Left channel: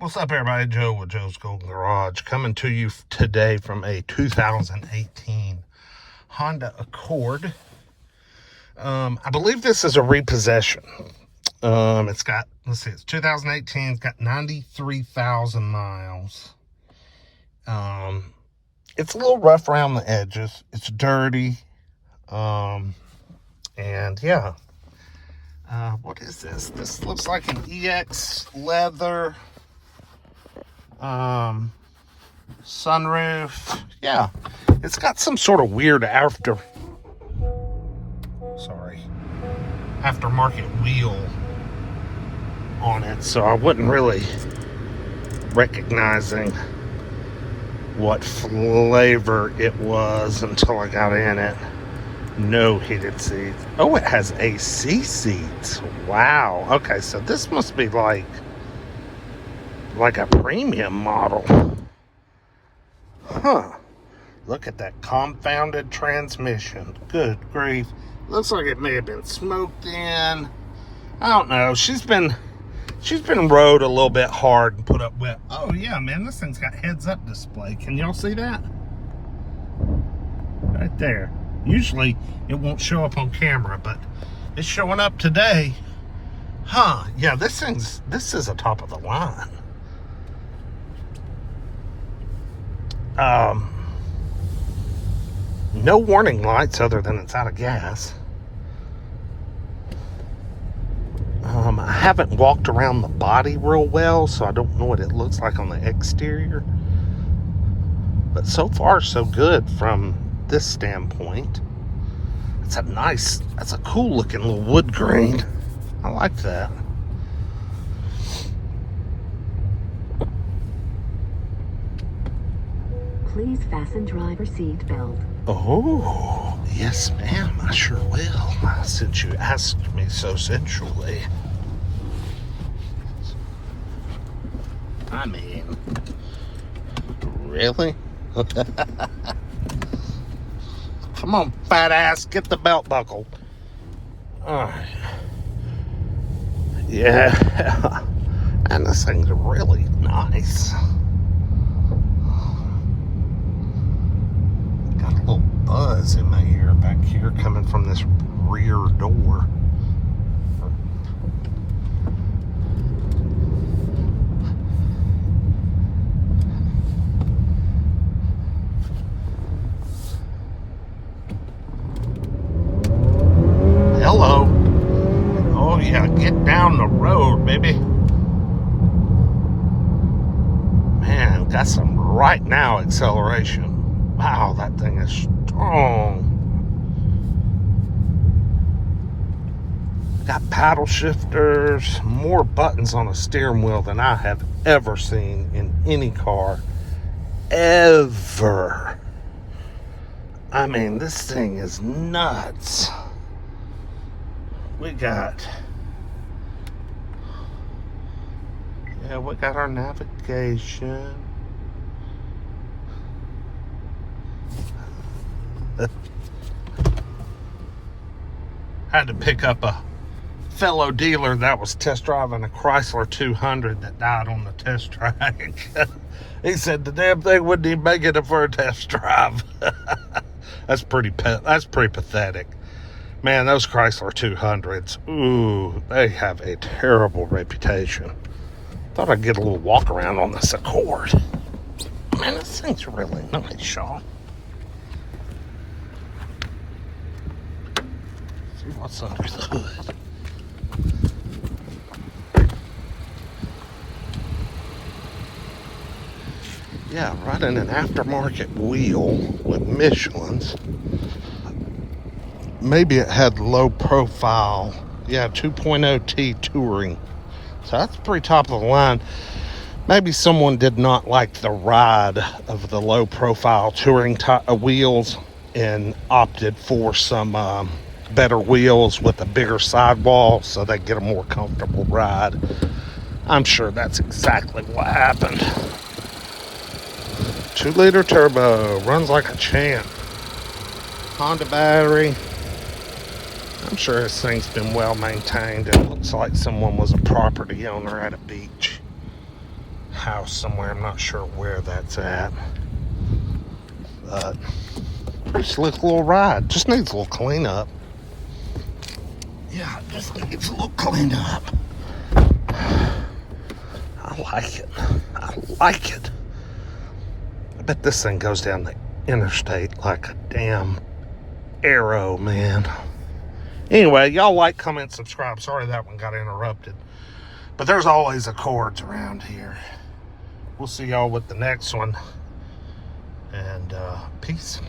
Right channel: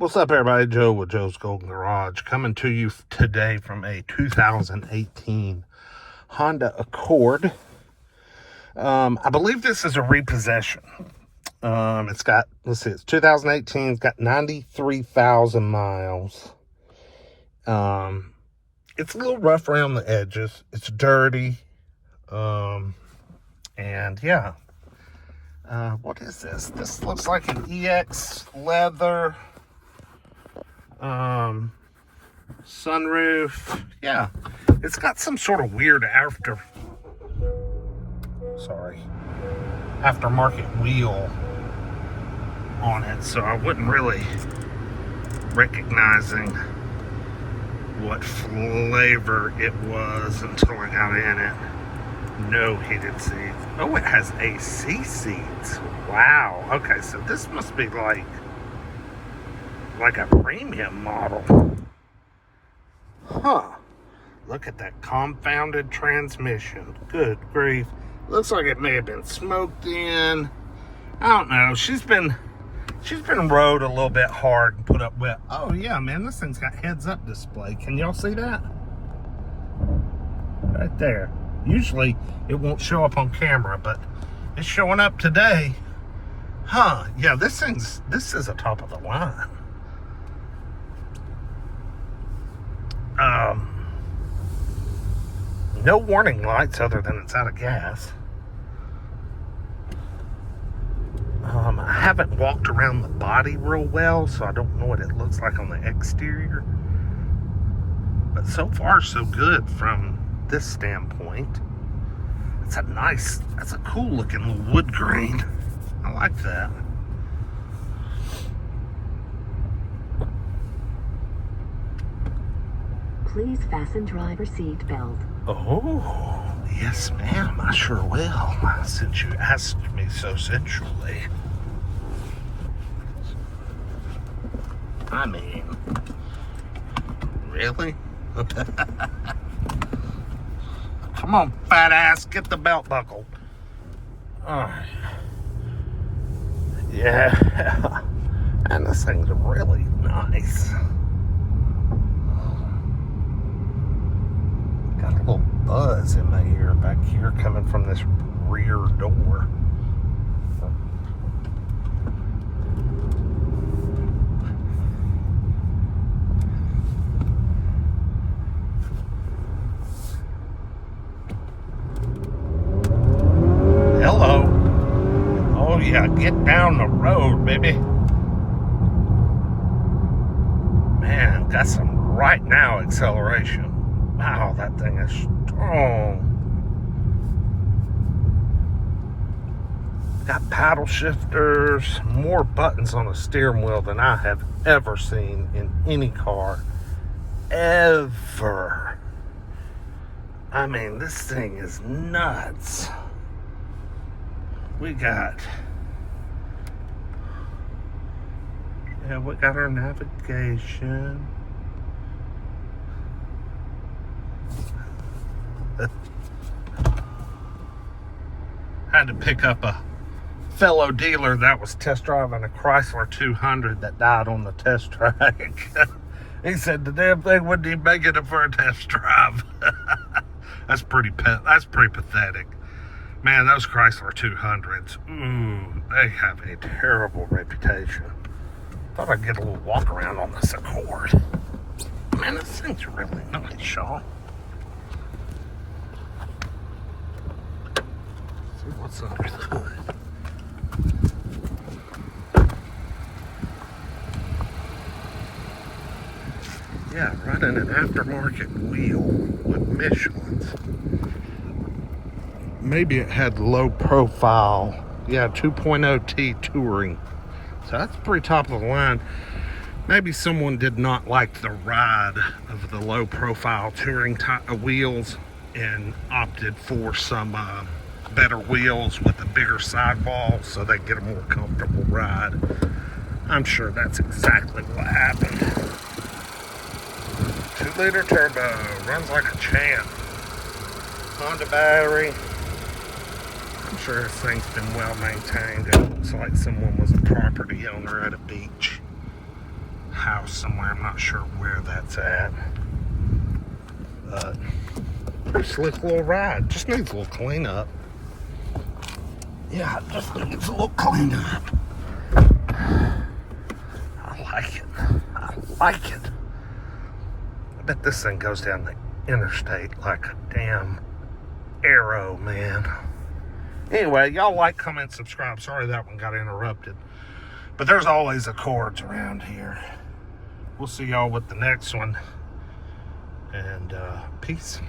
What's up, everybody? Joe with Joe's Golden Garage coming to you today from a 2018 Honda Accord. I believe this is a repossession. It's got, let's see, it's 2018. It's got 93,000 miles. It's a little rough around the edges. It's dirty. And yeah. What is this? This looks like an EX leather. Sunroof. Yeah, it's got some sort of weird aftermarket wheel on it, so I wasn't really recognizing what flavor it was until I got in it. No heated seats. Oh, it has AC seats. Wow. Okay, so this must be like a premium model. Huh. Look at that confounded transmission. Good grief. Looks like it may have been smoked in. I don't know. She's been rode a little bit hard and put up wet. Oh yeah, man, this thing's got heads-up display. Can y'all see that? Right there. Usually it won't show up on camera, but it's showing up today. Huh. Yeah, this is a top of the line. No warning lights other than it's out of gas. I haven't walked around the body real well, so I don't know what it looks like on the exterior. But so far, so good from this standpoint. That's a cool looking little wood grain. I like that. Please fasten driver's seat belt. Oh, yes, ma'am, I sure will, since you asked me so sensually. I mean, really? Come on, fat ass, get the belt buckle. Alright. Yeah. And this thing's really nice. Buzz in my ear back here coming from this rear door. Hello. Oh yeah, get down the road, baby. Man, got some right now acceleration. Wow, that thing is strong. Got paddle shifters, more buttons on the steering wheel than I have ever seen in any car. Ever. I mean, this thing is nuts. We got our navigation. Had to pick up a fellow dealer that was test driving a Chrysler 200 that died on the test track. He said the damn thing wouldn't even make it for a test drive. That's pretty pathetic. Man, those Chrysler 200s, ooh, they have a terrible reputation. Thought I'd get a little walk around on this Accord. Man, this thing's really nice, y'all. See what's under the hood. Yeah, running an aftermarket wheel with Michelin's. Maybe it had low profile. Yeah, 2.0T touring. So that's pretty top of the line. Maybe someone did not like the ride of the low profile touring wheels and opted for some better wheels with a bigger sidewall so they get a more comfortable ride. I'm sure that's exactly what happened. 2-liter turbo, runs like a champ. Honda battery. I'm sure this thing's been well maintained. It looks like someone was a property owner at a beach. house somewhere. I'm not sure where that's at. But pretty slick little ride. Just needs a little cleanup. Yeah, it just needs a little cleanup. I like it. I like it. I bet this thing goes down the interstate like a damn arrow, man. Anyway, y'all like, comment, subscribe. Sorry that one got interrupted. But there's always Accords around here. We'll see y'all with the next one. And peace.